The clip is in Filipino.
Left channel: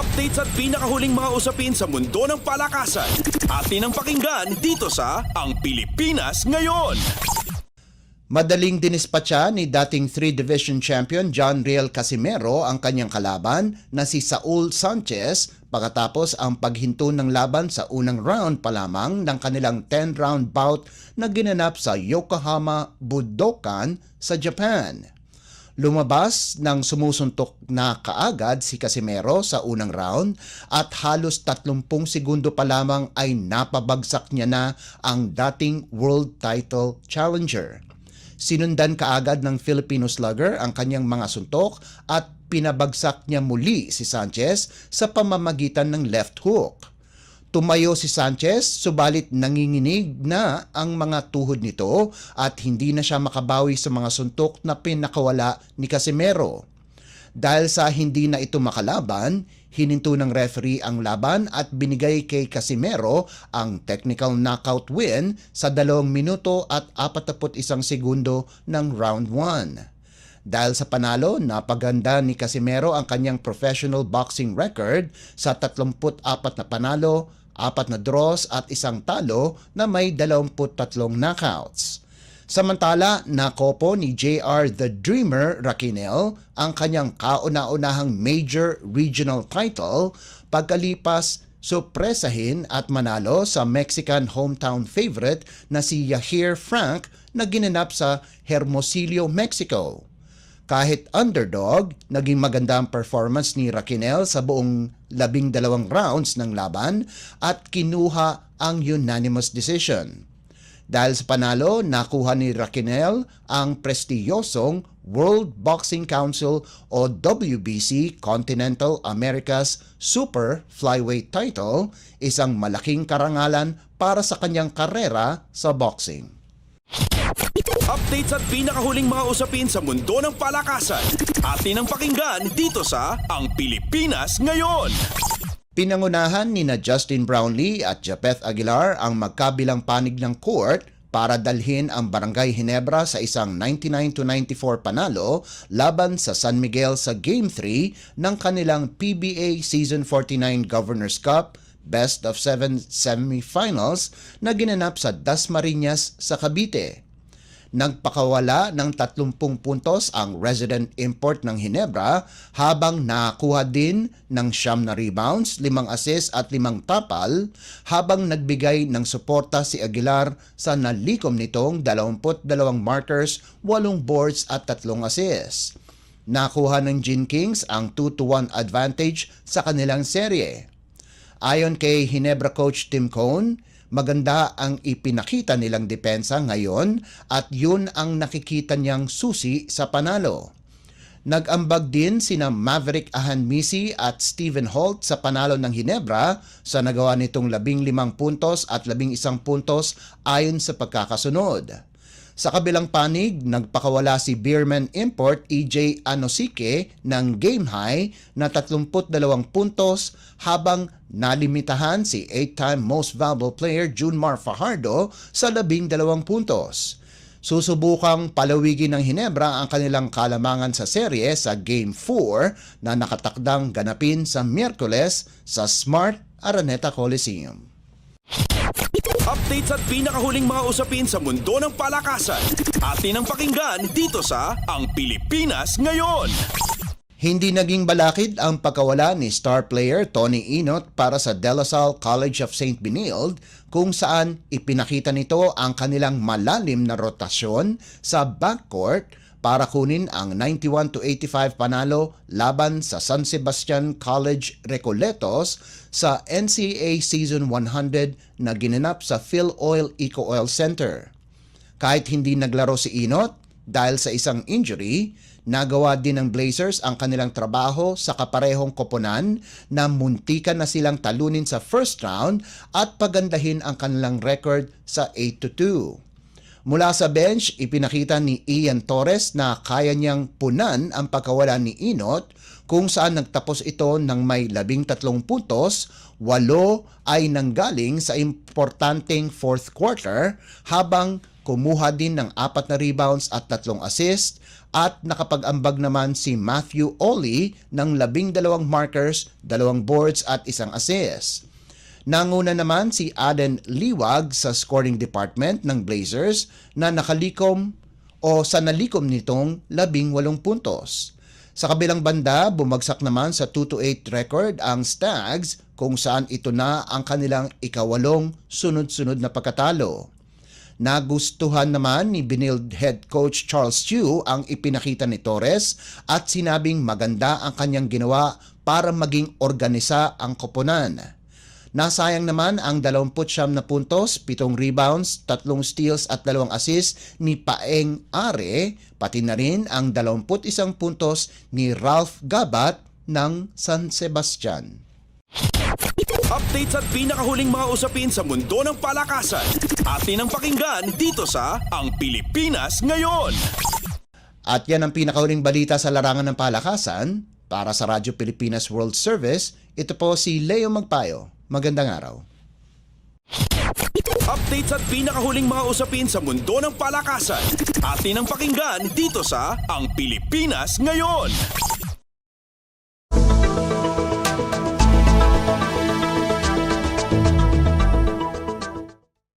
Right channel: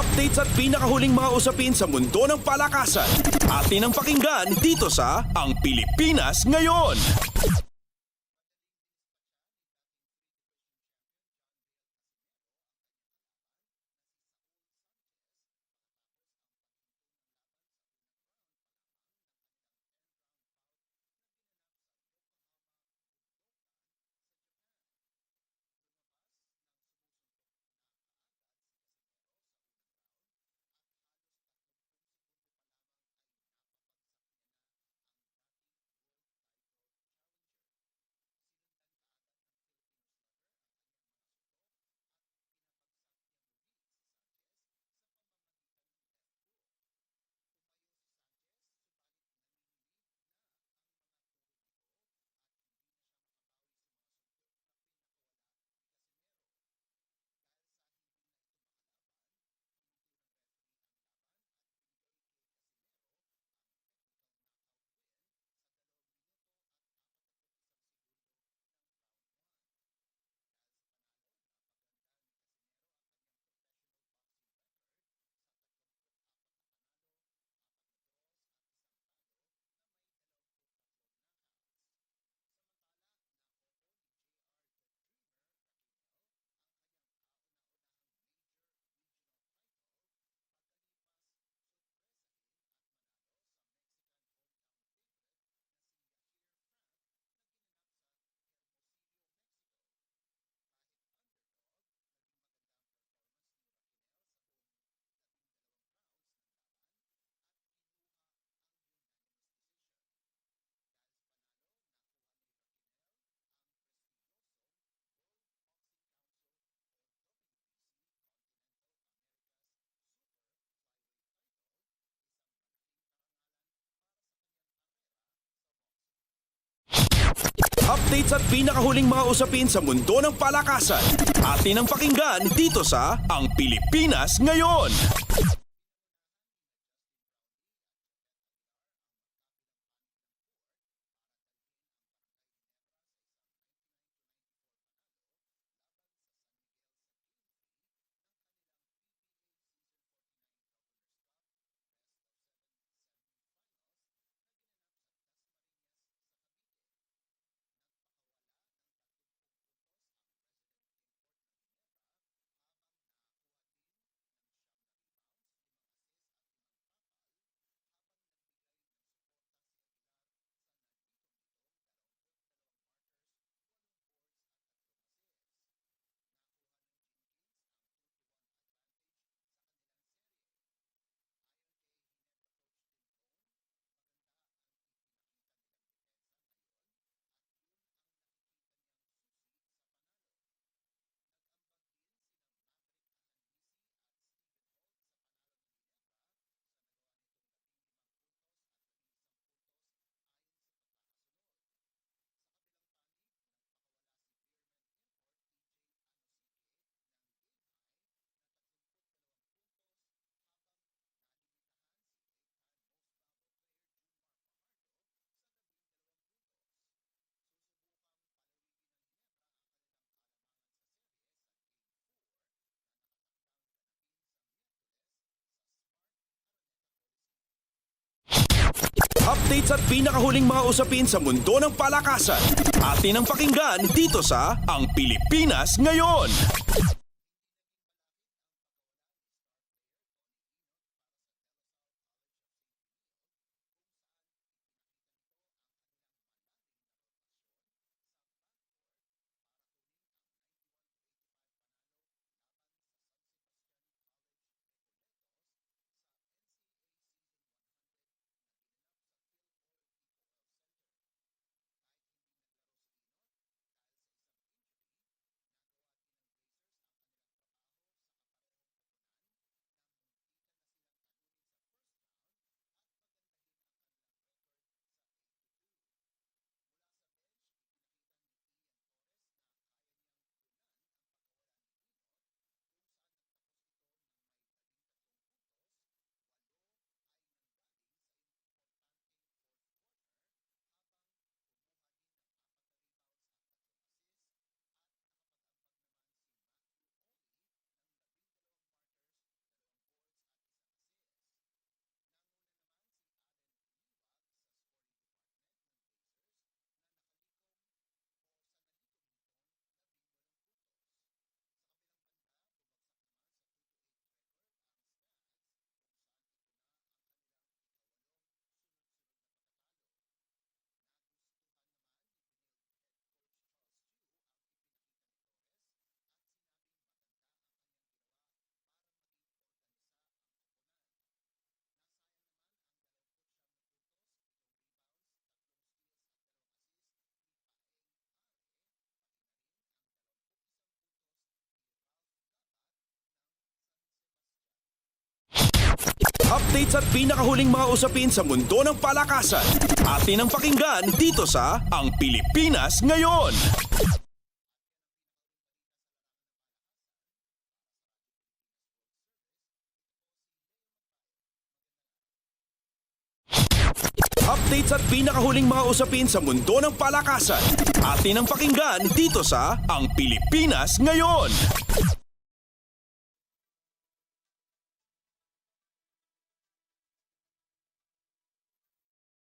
Updates at pinakahuling mga usapin sa mundo ng palakasan. Atin ang pakinggan dito sa Ang Pilipinas Ngayon. Madaling dinispatcha ni dating 3-division champion John Riel Casimero ang kanyang kalaban na si Saul Sanchez pagkatapos ang paghinto ng laban sa unang round pa lamang ng kanilang 10-round bout na ginanap sa Yokohama Budokan sa Japan. Lumabas ng sumusuntok na kaagad si Casimero sa unang round at halos 30 segundo pa lamang ay napabagsak niya na ang dating world title challenger. Sinundan kaagad ng Filipino slugger ang kanyang mga suntok at pinabagsak niya muli si Sanchez sa pamamagitan ng left hook. Tumayo si Sanchez subalit nanginginig na ang mga tuhod nito at hindi na siya makabawi sa mga suntok na pinakawala ni Casimero. Dahil sa hindi na ito makalaban, hininto ng referee ang laban at binigay kay Casimero ang technical knockout win sa 2 minuto at 41 segundo ng round 1. Dahil sa panalo, napaganda ni Casimero ang kanyang professional boxing record sa 34 na panalo, 4 na draws at 1 talo na may 23 knockouts. Samantala, nakopo ni JR The Dreamer Raquinel ang kanyang kauna-unahang major regional title pagkalipas supresahin at manalo sa Mexican hometown favorite na si Yair Frank na ginanap sa Hermosillo, Mexico. Kahit underdog, naging maganda ang performance ni Raquinel sa buong 12 rounds ng laban at kinuha ang unanimous decision. Dahil sa panalo, nakuha ni Raquinel ang prestiyosong World Boxing Council o WBC Continental Americas Super Flyweight title, isang malaking karangalan para sa kanyang karera sa boxing. Updates at pinakahuling mga usapin sa mundo ng palakasan. Atin ang pakinggan dito sa Ang Pilipinas Ngayon. Pinangunahan ni Justin Brownlee at Japeth Aguilar ang magkabilang panig ng court para dalhin ang Barangay Ginebra sa isang 99-94 panalo laban sa San Miguel sa Game 3 ng kanilang PBA Season 49 Governors Cup Best of 7 semifinals na ginanap sa Dasmariñas sa Cavite. Nagpakawala ng 30 puntos ang resident import ng Ginebra habang nakakuha din ng 9 na rebounds, 5 assists at 5 tapal habang nagbigay ng suporta si Aguilar sa nalikom nitong 22 markers, 8 boards at 3 assists. Nakuha ng Gin Kings ang 2-1 advantage sa kanilang serye. Ayon kay Ginebra coach Tim Cone, maganda ang ipinakita nilang depensa ngayon at yun ang nakikita niyang susi sa panalo. Nag-ambag din sina Maverick Ahanmisi at Stephen Holt sa panalo ng Ginebra sa nagawa nitong 15 puntos at 11 puntos ayon sa pagkakasunod. Sa kabilang panig, nagpakawala si Beerman Import EJ Anosike ng game high na 32 puntos habang nalimitahan si 8-time most valuable player Junmar Fajardo sa 12 puntos. Susubukang palawigin ng Ginebra ang kanilang kalamangan sa serye sa Game 4 na nakatakdang ganapin sa Miyerkules sa Smart Araneta Coliseum. Updates at pinakahuling mga usapin sa mundo ng palakasan. Atin ang pakinggan dito sa Ang Pilipinas Ngayon. Hindi naging balakid ang pagkawala ni star player Tony Inot para sa De La Salle College of St. Benilde kung saan ipinakita nito ang kanilang malalim na rotasyon sa backcourt para kunin ang 91-85 panalo laban sa San Sebastian College Recoletos sa NCAA Season 100 na ginanap sa Phil Oil Eco Oil Center. Kahit hindi naglaro si Inot dahil sa isang injury, nagawa din ng Blazers ang kanilang trabaho sa kaparehong koponan na muntikan na silang talunin sa first round at pagandahin ang kanilang record sa 8-2. Mula sa bench, ipinakita ni Ian Torres na kaya niyang punan ang pagkawala ni Inot kung saan nagtapos ito ng may 13 puntos, 8 ay nanggaling sa importanteng fourth quarter habang kumuha din ng 4 na rebounds at 3 assists at nakapag-ambag naman si Matthew Ollie ng 12 markers, 2 boards at 1 assist. Nanguna naman si Aden Liwag sa scoring department ng Blazers na nalikom nitong 18 puntos. Sa kabilang banda, bumagsak naman sa 2-8 record ang Stags kung saan ito na ang kanilang ika-8 sunod-sunod na pagkatalo. Nagustuhan naman ni Benilde head coach Charles Chiu ang ipinakita ni Torres at sinabing maganda ang kanyang ginawa para maging organisa ang koponan. Nasayang naman ang 29 na puntos, 7 rebounds, 3 steals at 2 assists ni Paeng Are, pati na rin ang 21 puntos ni Ralph Gabat ng San Sebastian. Updates at pinakahuling mga usapin sa mundo ng palakasan. Atin ang pakinggan dito sa Ang Pilipinas Ngayon. At yan ang pinakahuling balita sa larangan ng palakasan. Para sa Radyo Pilipinas World Service, ito po si Leo Magpayo. Magandang araw. Updates at pinakahuling mga usapin sa mundo ng palakasan. Atin ang pakinggan dito sa Ang Pilipinas Ngayon.